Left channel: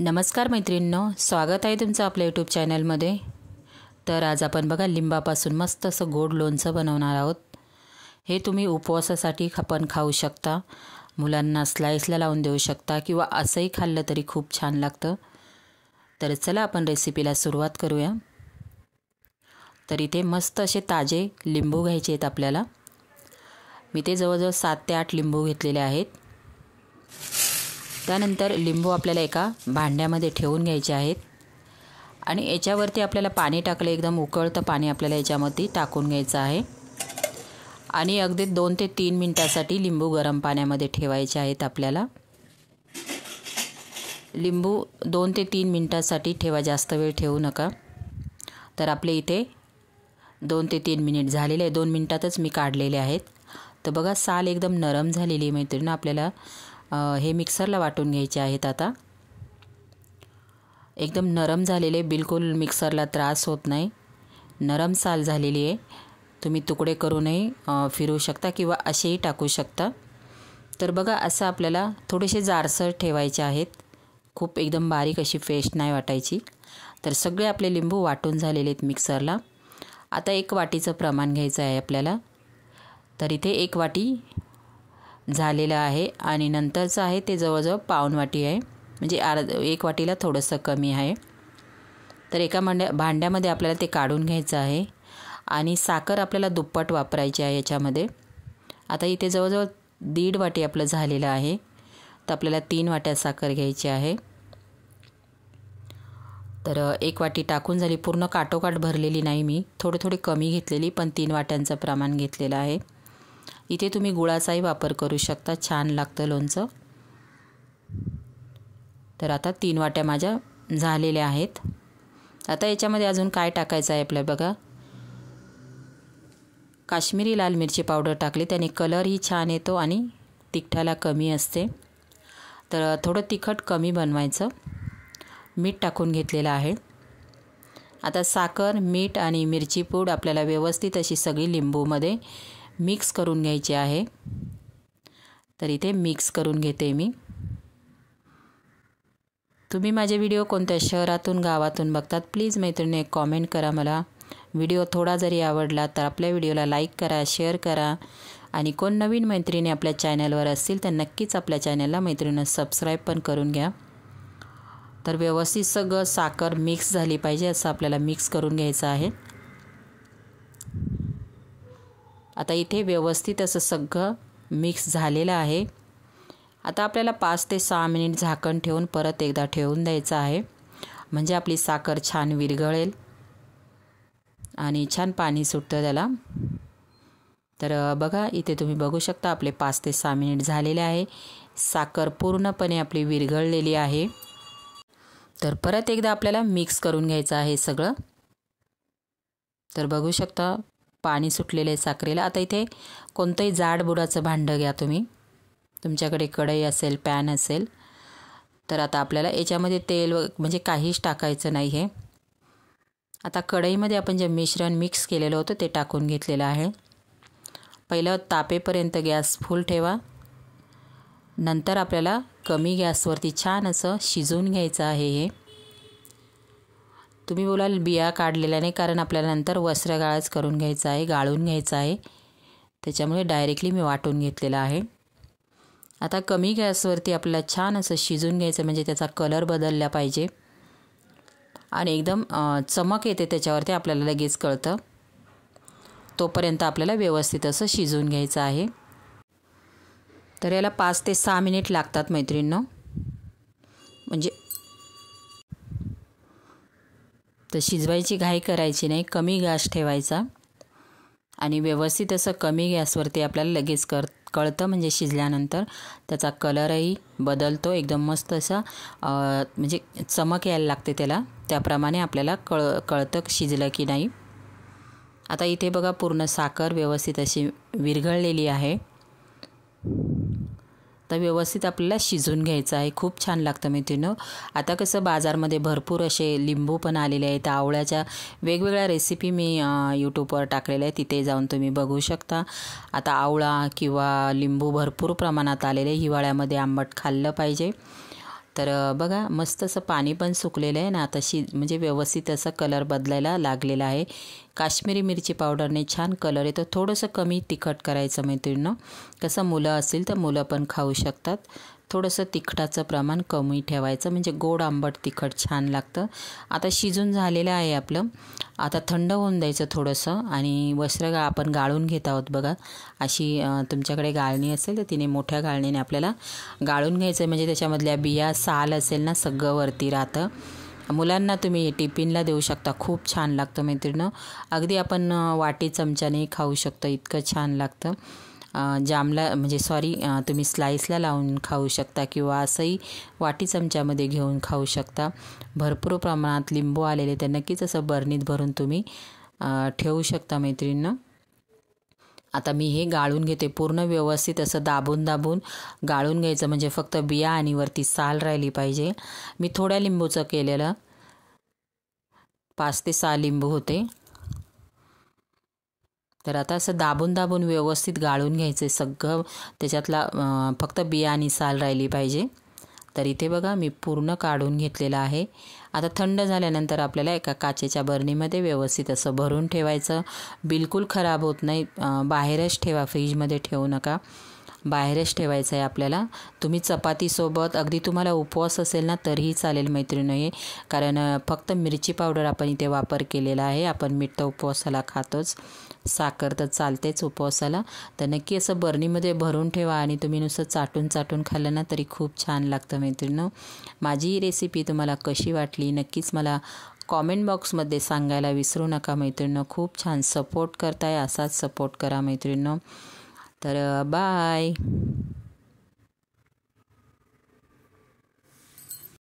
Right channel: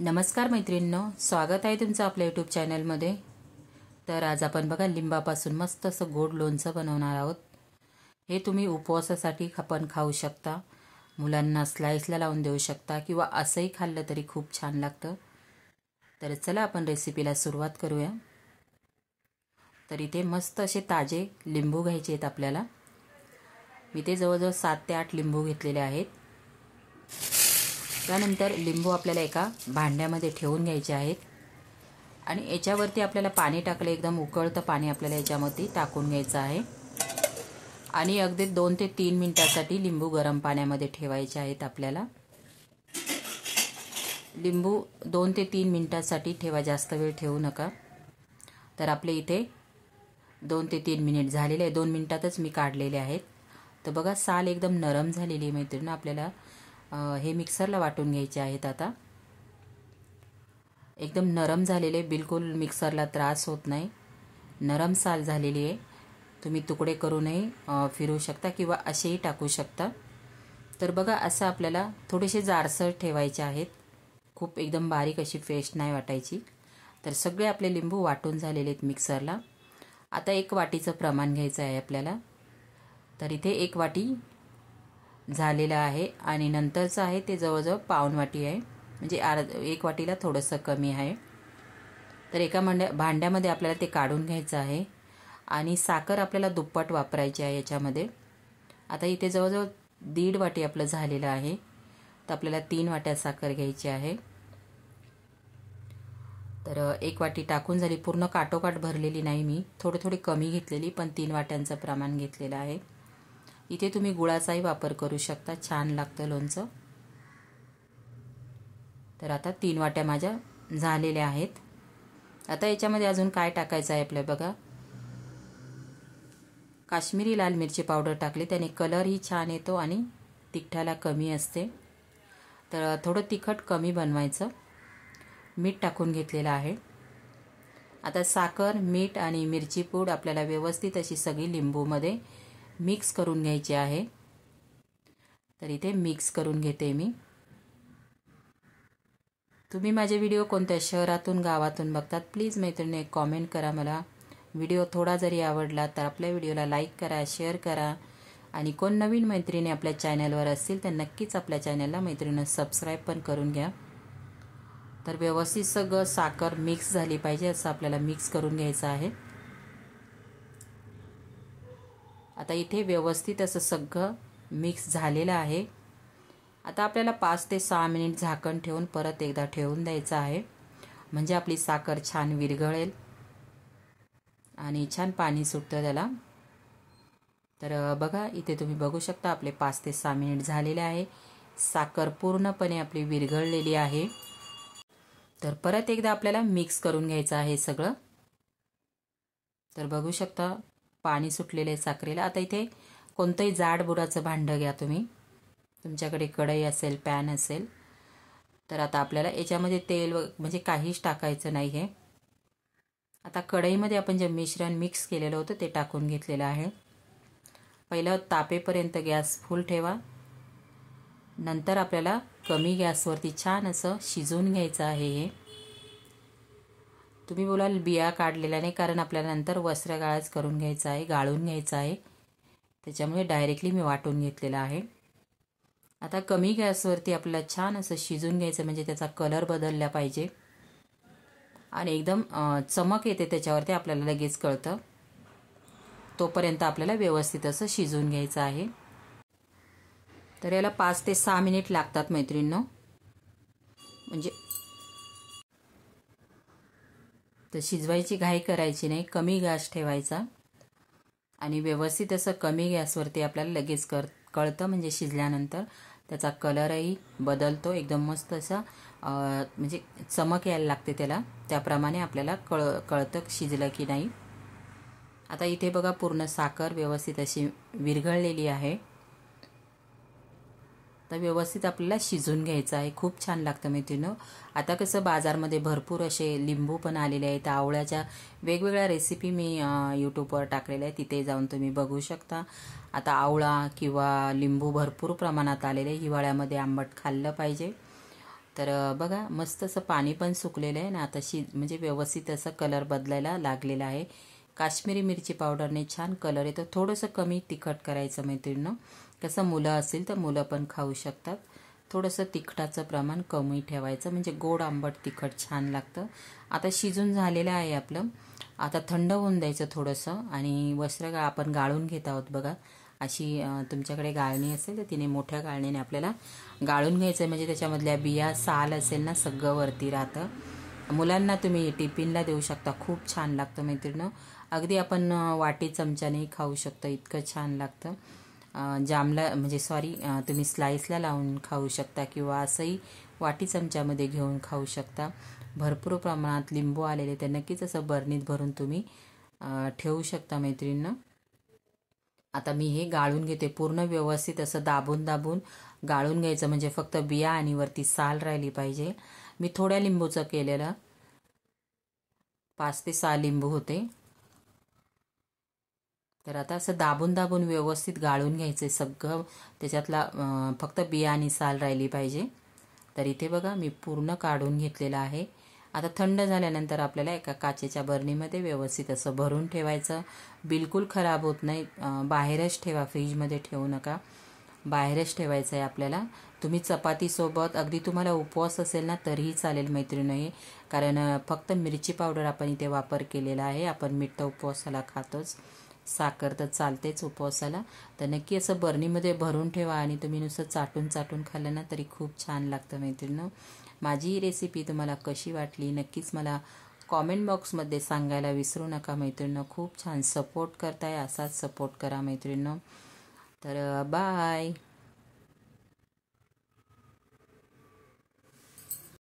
नमस्कार मैत्रिणींनो, स्वागत आहे तुमचं आपल्या यूट्यूब चॅनलमध्ये। तर आज आपण बघा लिंबापासून मस्त असं गोड लोणचं बनवणार आहोत। हे तुम्ही उपवासासाठी पण खाऊ शकता, मुलांना स्लाइसला लावून देऊ शकता किंवा असंही खाल्लं तरी खूप छान लागतं। तर चला आपण रेसिपीला सुरुवात करूया। तर इथे मस्त असे ताजे लिंबू घ्यायचे आहेत आपल्याला। मी ते जवळजवळ 7 ते 8 लिंबू घेतलेले आहेत। त्यानंतर लिंबू आपल्याला एका भांड्यामध्ये ठेवून घ्यायचे आहेत आणि याच्यावरती आपल्याला पाणी टाकले, एकदम उकळतं पाणी आपल्याला याच्यामध्ये टाकून घ्यायचं आहे आणि अगदी 2 ते 3 मिनिटांसाठी लिंबू गरम पाण्यामध्ये ठेवायचे आहेत आपल्याला। लिंबू 2 ते 3 मिनिटांसाठी ठेवा, जास्त वेळ ठेवू नका। तर आपले इथे 2 ते 3 मिनिट झालेले आहे, 2 मिनिटातच मी काढलेले आहेत। तर बघा साल एकदम नरम झालेली आहे मैत्रिणी। आपल्याला हे मिक्सरला वाटून घ्यायचे आहेत। आता एकदम नरम झालेले, बिलकुल मिक्सरला त्रास होत नाही, नरम साल झालेली आहे। तुम्ही तुकडे करूनही फिरवू शकता किंवा असेही टाकू शकता। तर बघा असं आपल्याला थोडेसे जाडसर ठेवायचे आहेत, खूप एकदम बारीक अशी पेस्ट नाही वाटायची। तर सगळे आपले लिंबू वाटून झालेले आहेत मिक्सरला। आता 1 वाटीचं प्रमाण घ्यायचं आहे आपल्याला। तर इथे 1 वाटी झालेलं आहे आणि नंतरचं आहे ते जवळजवळ पाऊण वाटी आहे, म्हणजे 1 वाटीला थोडंसं कमी आहे। तर एका भांड्यामध्ये आपल्याला ते काढून घ्यायचं आहे आणि साखर आपल्याला दुप्पट वापरायची आहे याच्यामध्ये। आता इथे जवळजवळ 1.5 वाटी आपलं झालेलं आहे, तर आपल्याला 3 वाट्या साखर घ्यायची आहे। तर 1 वाटी टाकून झाली, पूर्ण काठोकाठ भरलेली नाही मी, थोडी कमी घेतलेली, पण 3 वाट्यांचं प्रमाण घेतलेलं आहे। इथे तुम्ही गुळाचाही वापर करू शकता, छान लागतं लोणचं। तर आता 3 वाट्या माझ्या झालेल्या आहेत। आता याच्यामध्ये अजून काय टाकायचं आहे आपल्याला बघा, काश्मीरी लाल मिरची पावडर टाकली, त्याने कलरही छान येतो आणि तिखटाला कमी असते। तर थोडं तिखट कमी बनवायचं। मीठ टाकून घेतलेलं आहे। आता साखर, मीठ आणि मिरची पूड आपल्याला व्यवस्थित अशी सगळी लिंबूमध्ये मिक्स करून घ्यायची आहे। तर इथे मिक्स करून घेते मी। तुम्ही माझे व्हिडिओ कोणत्या शहरातून गावातून बघतात, प्लीज मैत्रिणी एक कॉमेंट करा मला। व्हिडिओ थोडा जरी आवडला तर आपल्या व्हिडिओला लाईक करा, शेअर करा आणि कोण नवीन मैत्रिणी आपल्या चॅनलवर असतील तर नक्कीच आपल्या चॅनलला मैत्रिणी सबस्क्राईब पण करून घ्या। तर व्यवस्थित सगळं साखर मिक्स झाली पाहिजे असं आपल्याला मिक्स करून घ्यायचं आहे। आता इथे व्यवस्थित असं सगळं मिक्स झालेलं आहे। आता आपल्याला 5 ते 6 मिनिट झाकण ठेवून परत एकदा ठेवून द्यायचं आहे, म्हणजे आपली साखर छान विरघळेल आणि छान पाणी सुटतं त्याला। तर बघा इथे तुम्ही बघू शकता आपले 5 ते 6 मिनिट झालेले आहे, साखर पूर्णपणे आपली विरघळलेली आहे। तर परत एकदा आपल्याला मिक्स करून घ्यायचं आहे सगळं। तर बघू शकता पाणी सुटलेलं आहे साखरेला। आता इथे कोणतंही जाड बुडाचं भांडं घ्या तुम्ही, तुमच्याकडे कढई असेल, पॅन असेल। तर आता आपल्याला याच्यामध्ये तेल म्हणजे काहीच टाकायचं नाही आहे। आता कढईमध्ये आपण जे मिश्रण मिक्स केलेलं होतं ते टाकून घेतलेलं आहे। पहिलं तापेपर्यंत गॅस फुल ठेवा, नंतर आपल्याला कमी गॅसवरती छान असं शिजवून घ्यायचं आहे। हे तुम्ही बोलाल बिया काढलेल्या नाही, कारण आपल्याला नंतर वस्त्रगाळच करून घ्यायचं आहे, गाळून घ्यायचं आहे, त्याच्यामुळे डायरेक्टली मी वाटून घेतलेलं आहे। आता कमी गॅसवरती आपल्याला छान असं शिजून घ्यायचं, म्हणजे त्याचा कलर बदलला पाहिजे आणि एकदम चमक येते त्याच्यावरती, आपल्याला लगेच कळतं। तोपर्यंत आपल्याला व्यवस्थित असं शिजवून घ्यायचं आहे। तर याला 5 ते 6 मिनिट लागतात मैत्रिणींनो, म्हणजे तर शिजवायची घाई करायची नाही, कमी गॅस ठेवायचा आणि व्यवस्थित असं कमी गॅसवरती आपल्याला लगेच कळतं, म्हणजे शिजल्यानंतर त्याचा कलरही बदलतो, एकदम मस्त असा म्हणजे चमक यायला लागते त्याला, त्याप्रमाणे आपल्याला कळतं शिजलं की नाही। आता इथे बघा पूर्ण साखर व्यवस्थित अशी विरघळलेली आहे। तर व्यवस्थित आपल्याला शिजून घ्यायचं आहे, खूप छान लागतं मैत्रिणींनो। आता कसं बाजारमध्ये भरपूर असे लिंबू पण आलेले आहेत, आवळ्याच्या वेगवेगळ्या रेसिपी मी यूट्यूबवर टाकलेल्या आहेत, तिथे जाऊन तुम्ही बघू शकता। आता आवळा किंवा लिंबू भरपूर प्रमाणात आलेले, हिवाळ्यामध्ये आंबट खाल्लं पाहिजे। तर बघा मस्त असं पाणी पण सुकलेलं आहे ना, आता म्हणजे व्यवस्थित असा कलर बदलायला लागलेला आहे. काश्मीरी मिरची पावडरने छान कलर येतो. थोडंसं कमी तिखट करायचं मैत्रिणींनो. कसं मुलं असतील तर मुलं पण खाऊ शकतात. थोडंसं तिखटाचं प्रमाण कमी ठेवायचं, म्हणजे गोड आंबट तिखट छान लागतं. आता शिजून झालेलं आहे आपलं. आता थंड होऊन द्यायचं थोडंसं आणि वस्त्र आपण गाळून घेत आहोत बघा. अशी तुमच्याकडे गाळणी असेल तर तिने मोठ्या गाळणीने आपल्याला गाळून घ्यायचं, म्हणजे त्याच्यामधल्या बिया साल असेल ना सगळं वरती राहतं. मुलांना तुम्ही टिफिनला देऊ शकता. खूप छान लागतं मैत्रिणींनो. अगदी आपण वाटी चमच्याने खाऊ शकतो, इतकं छान लागतं. जामला म्हणजे तुम्ही स्लाईसला लावून खाऊ शकता किंवा असंही वाटी चमच्यामध्ये घेऊन खाऊ शकता. भरपूर प्रमाणात लिंबू आलेले, तर नक्कीच असं बरणीत भरून तुम्ही ठेवू शकता मैत्रिणींनो. आता मी हे गाळून घेते. पूर्ण व्यवस्थित असं दाबून दाबून गाळून घ्यायचं, म्हणजे फक्त बिया आणि वरती साल राहिली पाहिजे. मी थोड्या लिंबूचं केलेलं, 5 ते 6 लिंबू होते. तर आता असं दाबून दाबून व्यवस्थित गाळून घ्यायचं सगळं. त्याच्यातला फक्त बिया आणि साल राहिली पाहिजे. तर इथे बघा मी पूर्ण काढून घेतलेलं आहे. आता थंड झाल्यानंतर आपल्याला एका काचेच्या बरणीमध्ये व्यवस्थित असं भरून ठेवायचं. बिलकुल खराब होत नाही. बाहेरच ठेवा, फ्रीजमध्ये ठेवू नका. बाहेरच ठेवायचं आहे आपल्याला. तुम्ही चपातीसोबत, अगदी तुम्हाला उपवास असेल ना तरीही चालेल मैत्रिणी हे, कारण फक्त मिरची पावडर आपण इथे वापर केलेला आहे. आपण मीठ तर उपवासाला खातोच, साखर तर चालतेच उपवासाला. तर नक्की असं बरणीमध्ये भरून ठेवा आणि तुम्ही नुसतं चाटून चाटून खाल्लं ना तरी खूप छान लागतं मैत्रिणींनो. माझी ही रेसिपी तुम्हाला कशी वाटली नक्कीच मला कॉमेंट बॉक्समध्ये सांगायला विसरू नका मैत्रिणींनो. खूप छान सपोर्ट करताय, असाच सपोर्ट करा मैत्रिणींनो. तर बाय.